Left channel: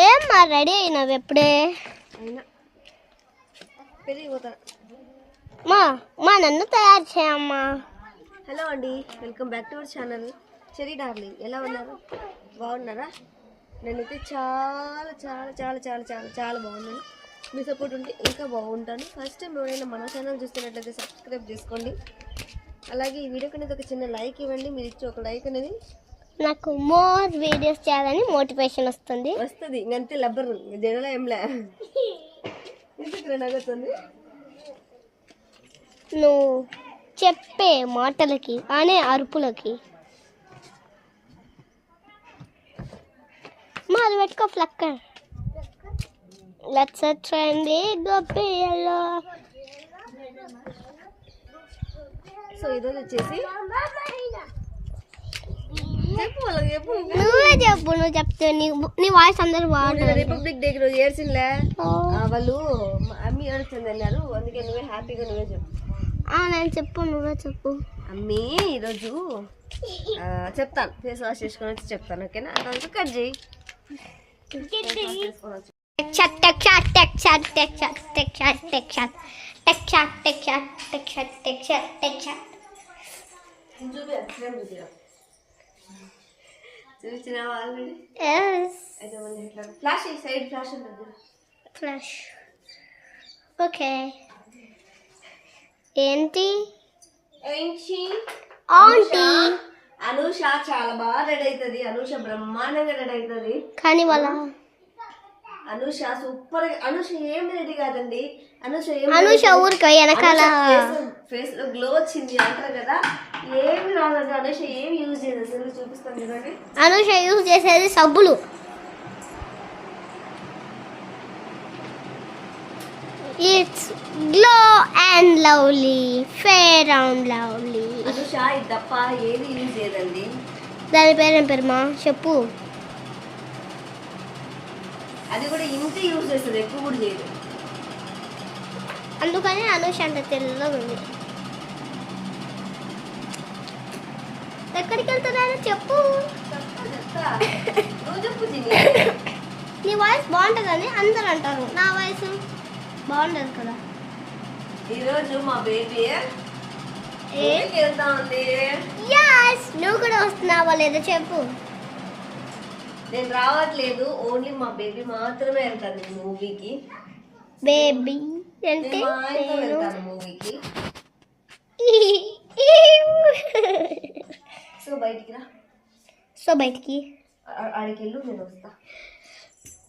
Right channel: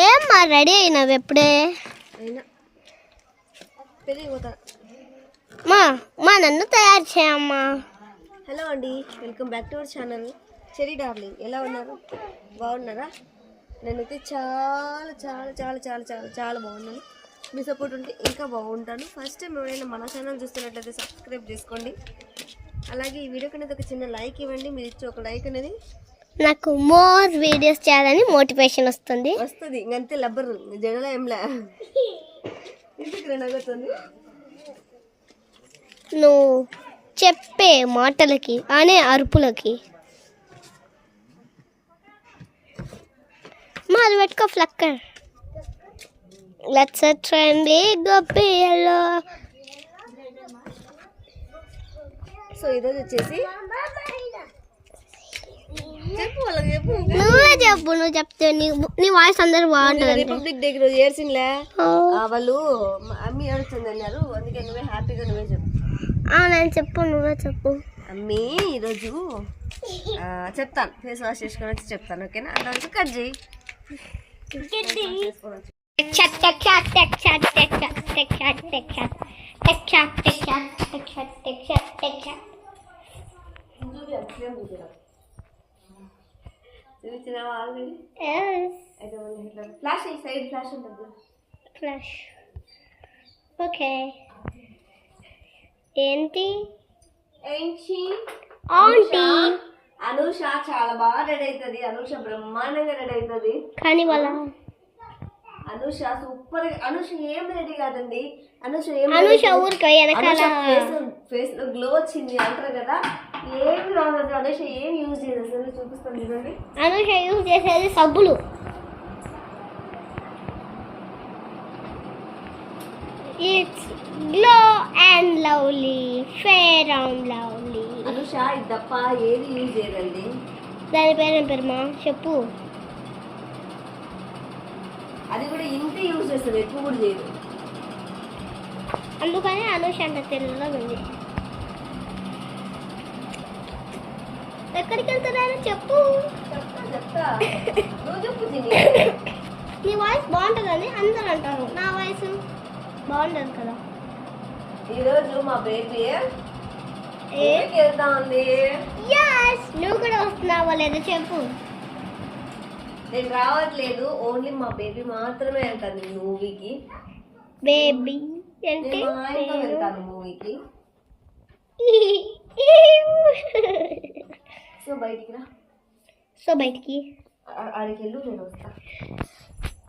ఏమ్మా రెడీ అయినావు ఎప్పుడే మా మా నన్ను తయారు చేయమ్మా. హలో అండి welcome back to our channel. Cherry darling ఎలా ఉన్నారు? బాగున్నారా? నేనైతే చాలా చాలా చాలా చాలా చాలా చాలా బాగున్నాను. మీ సపోర్ట్ ఉంటే ఇంకా బాగుంటాను. ఫస్ట్ టైం ఎవరైనా మన ఛానల్ చూస్తున్నట్లయితే సబ్స్క్రైబ్ చేసుకోండి. అలాగే ఈ వీడియోకి అనేది ఒక చిన్న లైక్ ఇవ్వండి. మీరు ఇచ్చే ఒక లైక్ అనేది నాకు మోర్ వీడియోస్ చేయాలని మోటివేషన్ వస్తుంది. వస్తుంది ఇంకంతే లబ్బరు జడలో ఏంలే నువ్వు చెప్పే మాటలకి అనే అరుపులకి. మా అది పెట్టుకో ఫ్లక్కర్ లెట్స్ ట్రెండ్ గొప్పియలో సో ఈరోజు వచ్చేసి నువ్వే చెప్పు నువ్వు చెప్తే నీ నీ వాయిస్ అందరు బాగుంటుంది రిపబ్లిక్ డేకి రోజు ఏడ్చిందిలే ఆ, వాళ్ళు అమ్మి ఏడుస్తుంది అన్నారు అందుకే నువ్వే హ్యాపీగా నువ్వే చెప్పు నేను చెప్పు నువ్వే చెప్పు అమ్మి ఈరోజు ఆ, చెప్తాను ఫేస్ వాష్ చేసుకొని వచ్చి చెప్తాను ఓకేనా అంతవరకు కట్ చేయి Tech చూసినావా ఆల్రెడీ అయితే మళ్ళీ ఇట్లా ఫ్లాష్ ఈ సైడ్ ఫ్లాష్ ఉంటుంది. ఫ్లాష్ ఓకే ఏంటి? ఏంటి? ఆంటీ అనూష. చాలా బాగా రెడీ అవుతుంది అనూష బ్రహ్మాండంగా రెడీ అవుతుంది కానీ వాళ్ళ అనూష సూపర్ అనూష ఏం రెడీ కాదండి. అనూష ఊరికి వెనకాల. ఫేస్లో గ్లో వచ్చింది అంటారు కదా ఏమి రాదండి అనూష ఏం యూజ్ చేయదు అసలు చూపిస్తాను చూడండి. అనుష యూజ్ చేసేది సబ్బులు. It's Glow and Lovely Fair and Lovely Anusha ఇది తప్ప ఏది యూజ్ చేయదండి? దాని పేరేం పేరుమా చెప్పు. అది కూడా ఇంటి యూజ్ చేస్తుంది ఎక్కువ కూడా చేయదు. అందుకని అనుష అంత తెల్లగా ఉంది. ఎక్కడికి వెళ్తున్నారో చెప్పు. నీ వాయిస్ బాగుంటుందని అందరు అంటారు. నా వాయిస్ బాగుండదు కదా. ఈరోజు మా బేబీ యాస్ నువ్వు కూడా వస్తున్నావా లేదా చెప్పు. నేను రావట్లేదు. ఓన్లీ మా బేబీ మాత్రమే వెళ్తాను మూవీకి బేబీ అంటే మూవీకి సో బయటికి రా సో బయటికి ఆడికి వెళ్ళు నేను వస్తా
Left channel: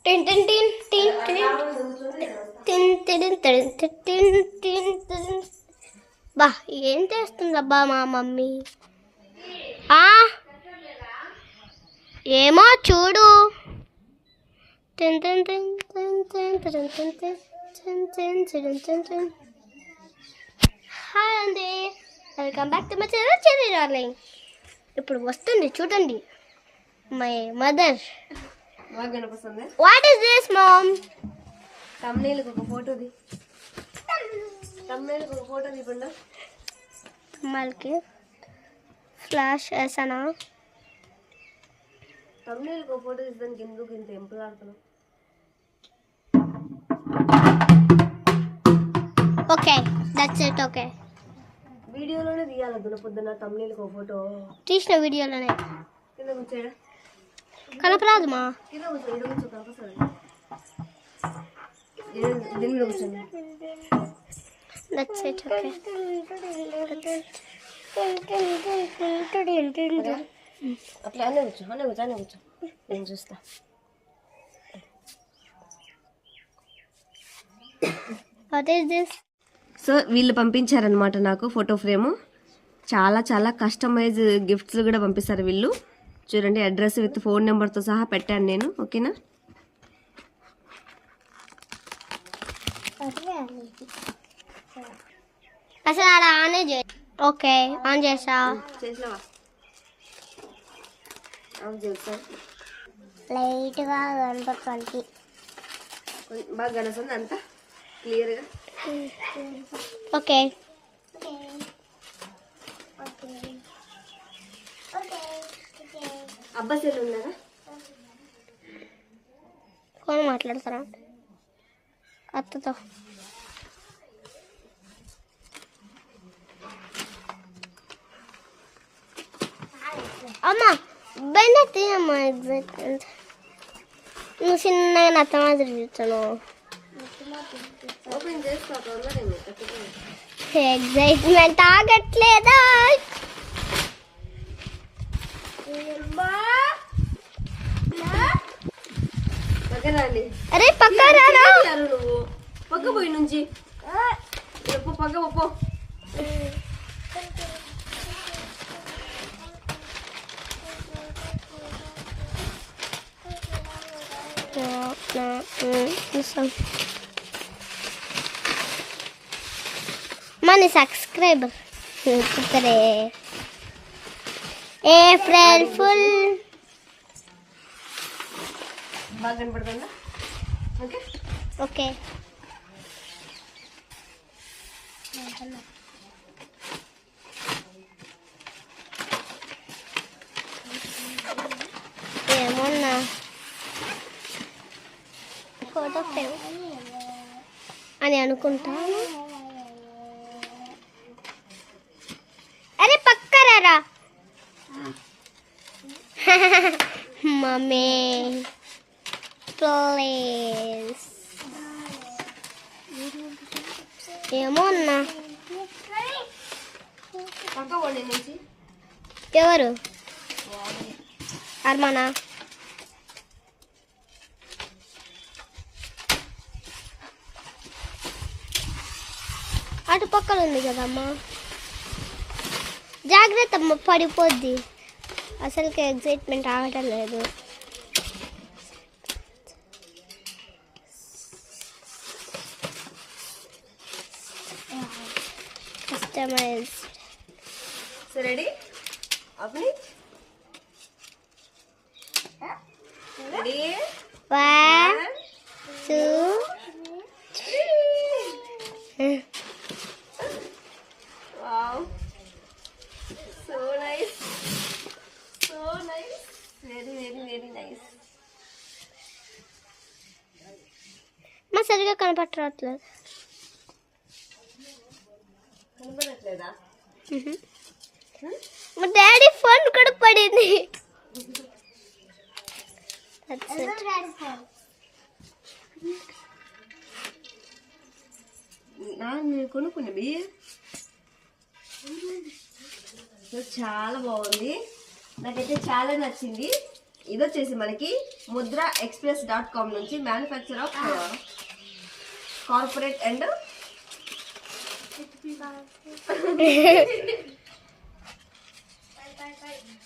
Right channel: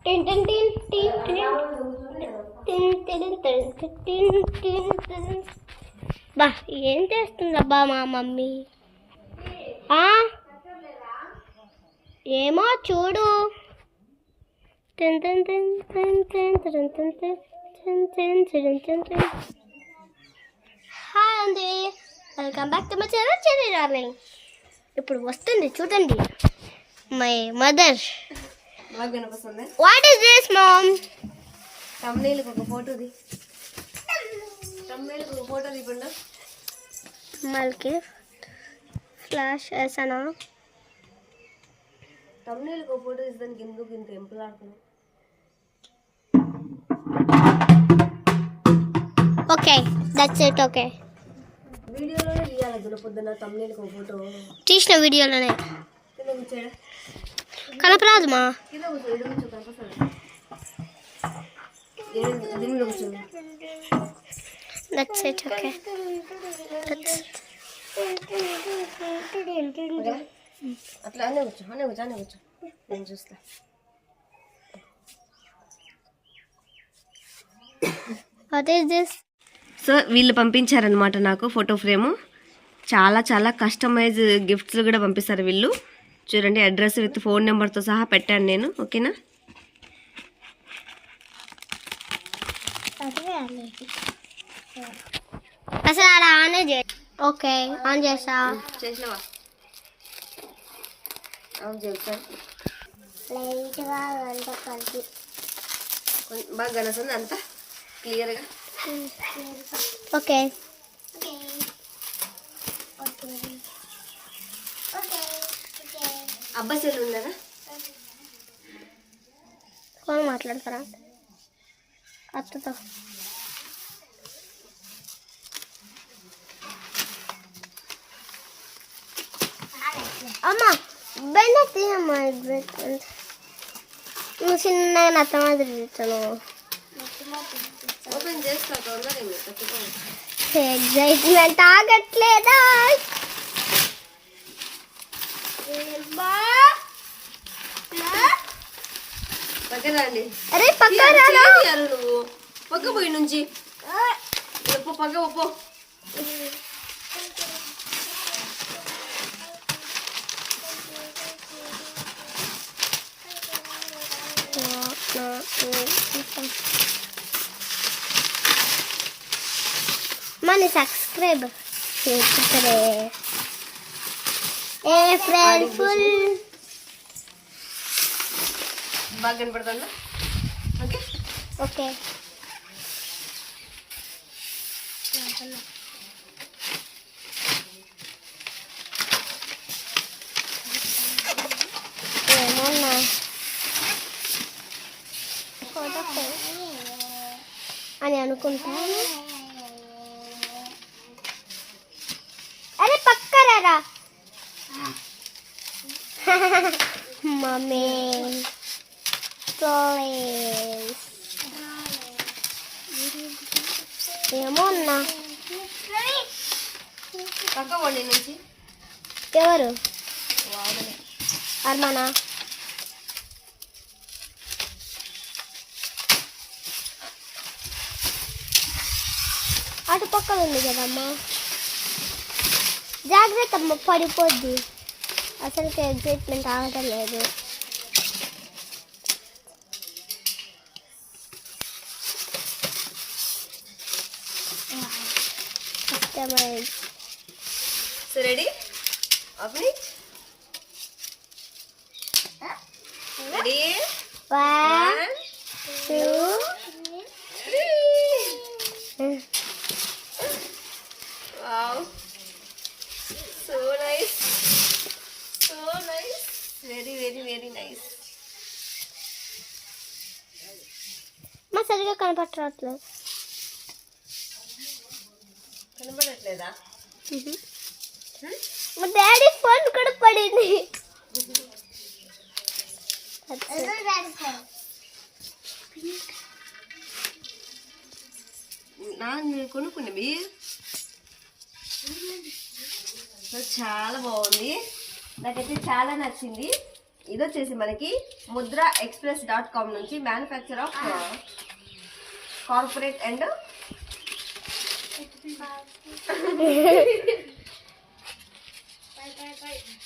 టిన్ టిన్ టిన్ టిన్ టిన్ రాముడు చదువుతుంటే నేను వస్తా. టిన్ టిన్ టిన్ టిన్ టిన్ టిన్. బా ఏం చేస్తుందబ్బా మా మమ్మీ ఆ ఏమో చూడు టిన్ టిన్ టిన్ టిన్ టిన్ టిన్ టిన్ హాయ్ అండి welcome back to my channel చెల్లి డార్లింగ్ ఇప్పుడు వస్తుంది చూడండి. My mother what is this mom తమిళకు ఒక ఫోటో తమిళకు ఒక ఫోటో తీపండి మళ్ళీ ఫ్లాష్ వేసానా? తమిళకు ఒక ఫోటో తీసి ఎందుకు ఇంత ఎంపులాడుతున్నాం ఓకే దట్స్ ఇట్ ఓకే వీడియోలోనే తీయాలి దున పొద్దున తమ్ముళ్ళకి ఒక ఫోటో తీసిన వీడియోలోనే కలపరాదు మా దట్స్ ఇట్ ఓకే దట్స్ అట్లా అనే కూర్చో అనే కూర్చో అనే కూర్చో. నేను చూస్తా. వాట్ ఈస్ దిస్ సో వీళ్ళు పంపించారనమాట నాకు ఫోటో ఫ్రేము చాలా చాలా కస్టమైజ్ గిఫ్ట్స్ కూడా పంపిస్తారు వీళ్ళు. చూడండి అడ్రస్ విత్ ఫోన్ నెంబర్తో సహా పెట్టాను నేను ఓకేనా? అసలు అలా ఆనే చే ఓకే ఆన్ చేసా చేసినావా? లైట్గా కనపడుతుంది కొంచెం బాగా కనస్తుంది అంతా? క్లియర్గా ఓకే అబ్బాయి సెల్ ఉందా ఫోన్ మాట్లాడతారా అత్తతో అమ్మ బయట తినమ్మా ఎగ్జైట్మెంట్ నువ్వు చిన్నగా నత్త మాదిరి తింటాను ఓపెన్ చేస్తా తక్కువ ఎగ్జైట్మెంట్ ఆగట్లేదా? అరే పక్క నువ్వు. పక్క పోయి నుంచి. పో పక్క పో మన సబ్స్క్రైబర్ ఫుల్ బాగా కనపడుతుందా ఓకే ఓకే ఏమన్నా అని అనుకుంటాను అరే పక్కరారా మమ్మీ ప్లీజ్ ఏమో అన్నా పక్క పోండి నుంచి. ఎవరు? అర్మనా? అటు పక్కన ఉంది కదమ్మా. జాగ్రత్త అమ్మ పడిపోద్ది. అసలుకి ఎగ్జైట్మెంట్ ఆగటం లేదు. Customize so ready open ready one one two wow so nice so nice very very very nice మా సరిగా కనపట్టట్లేదు కనబడట్లేదా? మా డాడీ ఫోన్ కూడా పడింది. కొనుక్కున్నవి సో చాలా బాగుంది. నాకైతే చాలా నచ్చింది. ఇది వచ్చేసి మనకి ముద్ర ఎక్స్ప్రెస్ డాట్ కామ్ నుంచి manufacture of corporate and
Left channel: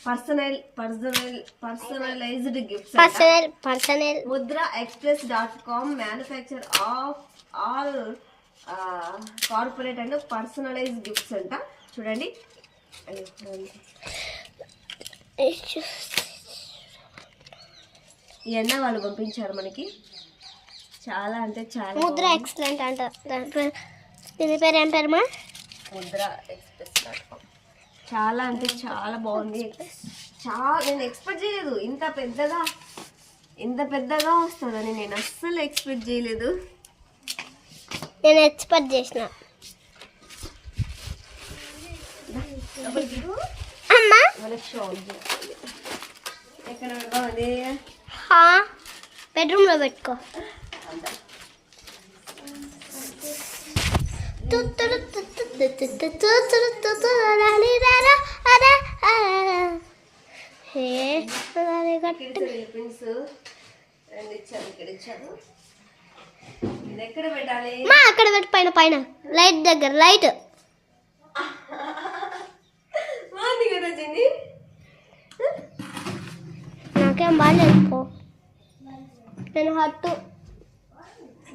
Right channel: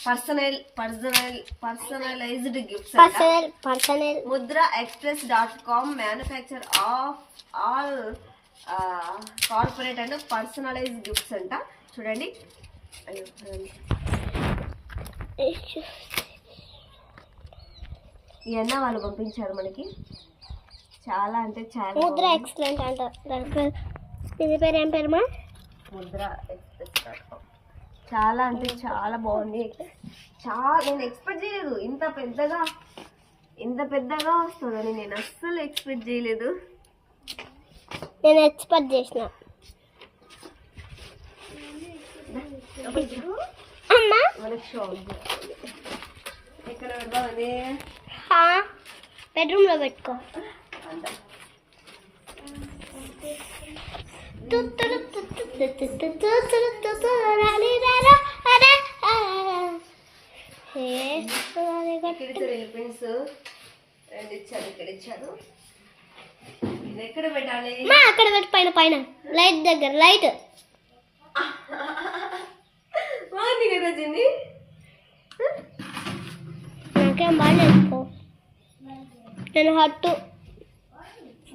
personal personal personalized gifts personal personal Mudra express dot com manufacture of all corporate and personalize gifts అంట. చూడండి. ఇవన్నీ వాళ్ళు పంపించారు మనకి. చాలా అంటే చాలా ముద్ర. ఎక్సలెంట్ అంట. దాని పేరు ఏం పేరు మా? ముద్ర చాలా అంటే చాలా బాగుంది. చాలా నేను ఎక్స్పెక్ట్ చేయలేదు. ఇంత పెద్దగా ఇంత పెద్దగా వస్తుందని నేను అస్సలు ఎక్స్పెక్ట్ చేయలేదు. నేను ఎక్స్పెక్ట్ చేసిన. అమ్మా. ఎక్కడ ఉంది హా. బెడ్రూమ్లో పెట్టుకో. పిన్స్ రెండు ఇచ్చారు ఇక్కడ ఇచ్చారు ఎక్కడ పెట్టాలి మా అక్కడ పెట్టు పైన పైన. లైట్ దగ్గర లైట్ బాగుంది కదా జిన్ని నాకేం బాగాలేదు పో. నేను హట్టు.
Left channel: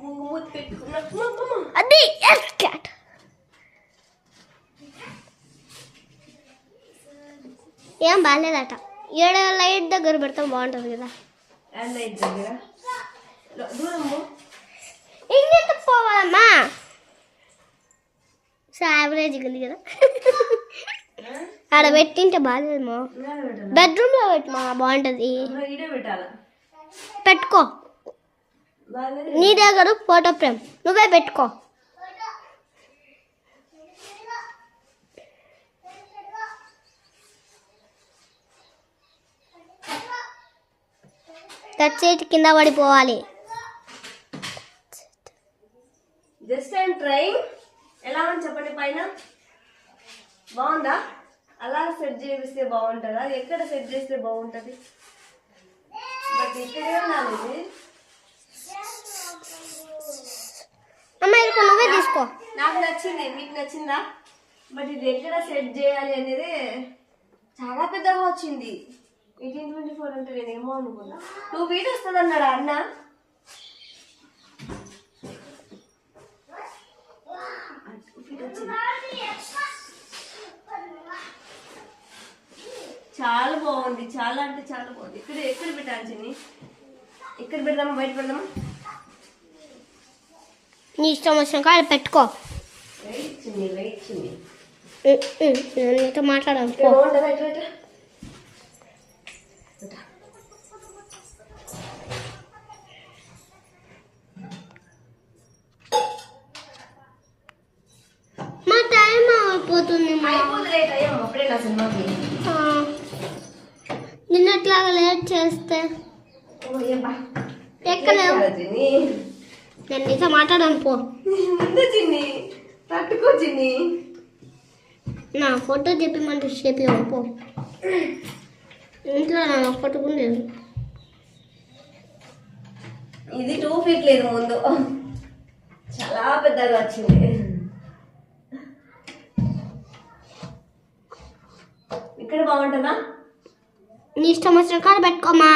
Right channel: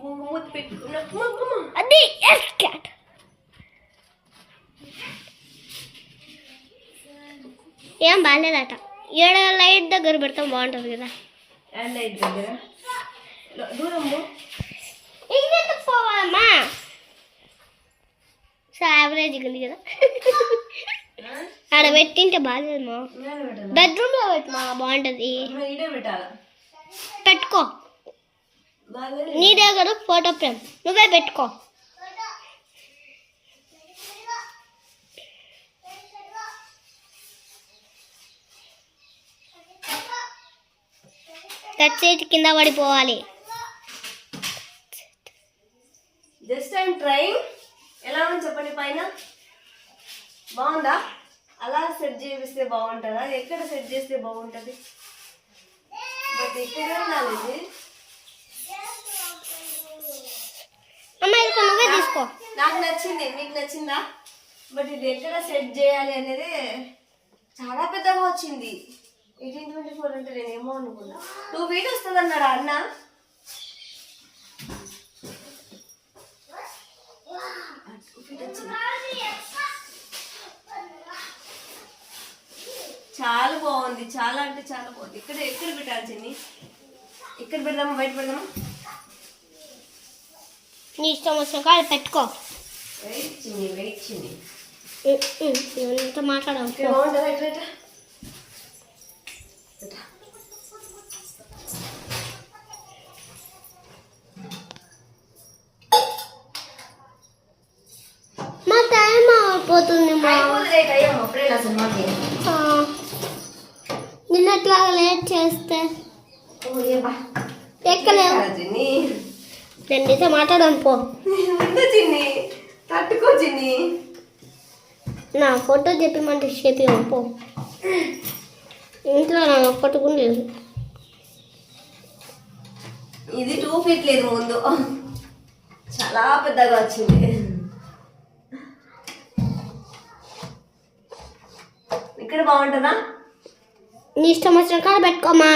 మూతి పెట్టుకున్నా. అది క్యాట్. ఏం బాగాలేదట ఏడ లైట్ దగ్గర పెడతాం బాగుంటుంది కదా. లైట్ దగ్గర? లో- దూరం పో. ఇంకెంత పోవాలమ్మా? సో యావరేజ్ ఉంది కదా. ఆడ పెట్టింటే బాగాలేదు మా? బెడ్రూమ్లో పెట్టు మా బాగుంటుంది. పెట్టుకో. నీ దగ్గర ఫోటో ఫ్రేమ్. నువ్వే పెట్టుకో. టచ్ చేతి కింద పడిపోవాలి. జస్ట్ అండ్ ట్రైంగ్ ఎలా ఉంది చెప్పండి పైన? బాగుందా? అలా సెట్ చేపిస్తే బాగుంటుందా? ఎక్కడ సెట్ చేస్తే బాగుంటుంది? బట్ ఇక్కడే నాలెడ్జ్ ఇది అమ్మ ఇది నువ్వే తీసుకో. నాకు నచ్చింది మీకు నచ్చిందా? బట్ ఇది ఎక్కడ సెట్ చేయాలి అనేది చాలా పెద్దగా వచ్చింది. ఎయిటీన్ ట్వంటీ ఫోర్ అంటే నేను ఏమో అనుకున్నా. టూ ఫీట్ వస్తుంది అన్నాడు అన్న? చాలా బాగుంది చాలా అంటే చాలా బాగుంది. ఇక్కడ ఎక్కడ పెట్టాలి ఎక్కడ పెడదామా? బయట పెడదామా? నీ ఇష్టం వచ్చిన కాడ పెట్టుకో. ఇట్లా. మా టైం అయిపోతుంది మా నిన్నట్లాగా లేట్ చేస్తే. ఎక్కలేవు. నేను నీతో మాట్లాడాను పో. చిన్ని తట్టుకో చిన్ని. నా ఫోటో చెప్పమంటే చెప్పి పో. ఇంట్లో నా ఒక్కటి కూడా లేదు. ఇది టూ ఫీట్ లేదు ముందు. చాలా పెద్దగా వచ్చింది. ఇక్కడ బాగుంటుందా? నీ ఇష్టం వచ్చిన కాడ పెట్టుకోమా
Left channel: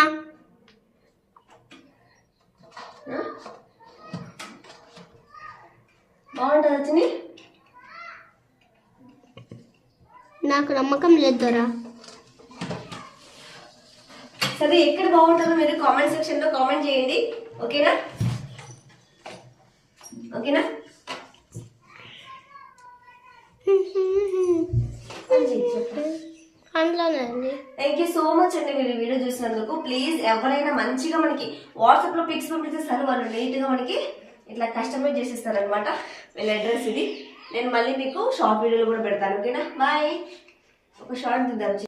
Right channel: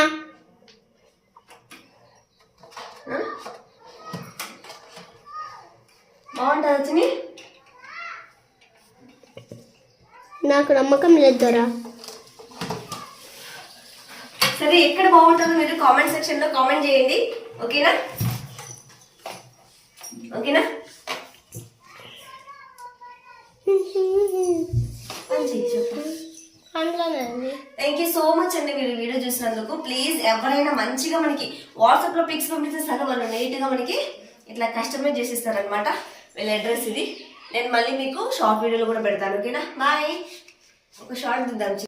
ఆ? బాగుంటుందా చిన్ని నాకు నమ్మకం లేదు దొరా. సరే ఎక్కడ బాగుంటుందో మీరు కామెంట్ సెక్షన్లో కామెంట్ చేయండి. ఓకేనా? ఓకేనా? థ్యాంక్ యూ సో మచ్ అండి మీరు వీడియో చూసినందుకు. ప్లీజ్ ఎవరైనా మంచిగా మనకి వాట్సాప్లో పిక్స్ పంపిస్తే సరే వాళ్ళు నీట్గా మనకి ఇట్లా కస్టమైజ్ చేసిస్తారనమాట వీళ్ళ అడ్రస్ ఇది. నేను మళ్ళీ మీకు షార్ట్ వీడియోలు కూడా పెడతాను. ఓకేనా? బాయ్ ఒక షార్ట్ దిద్దాం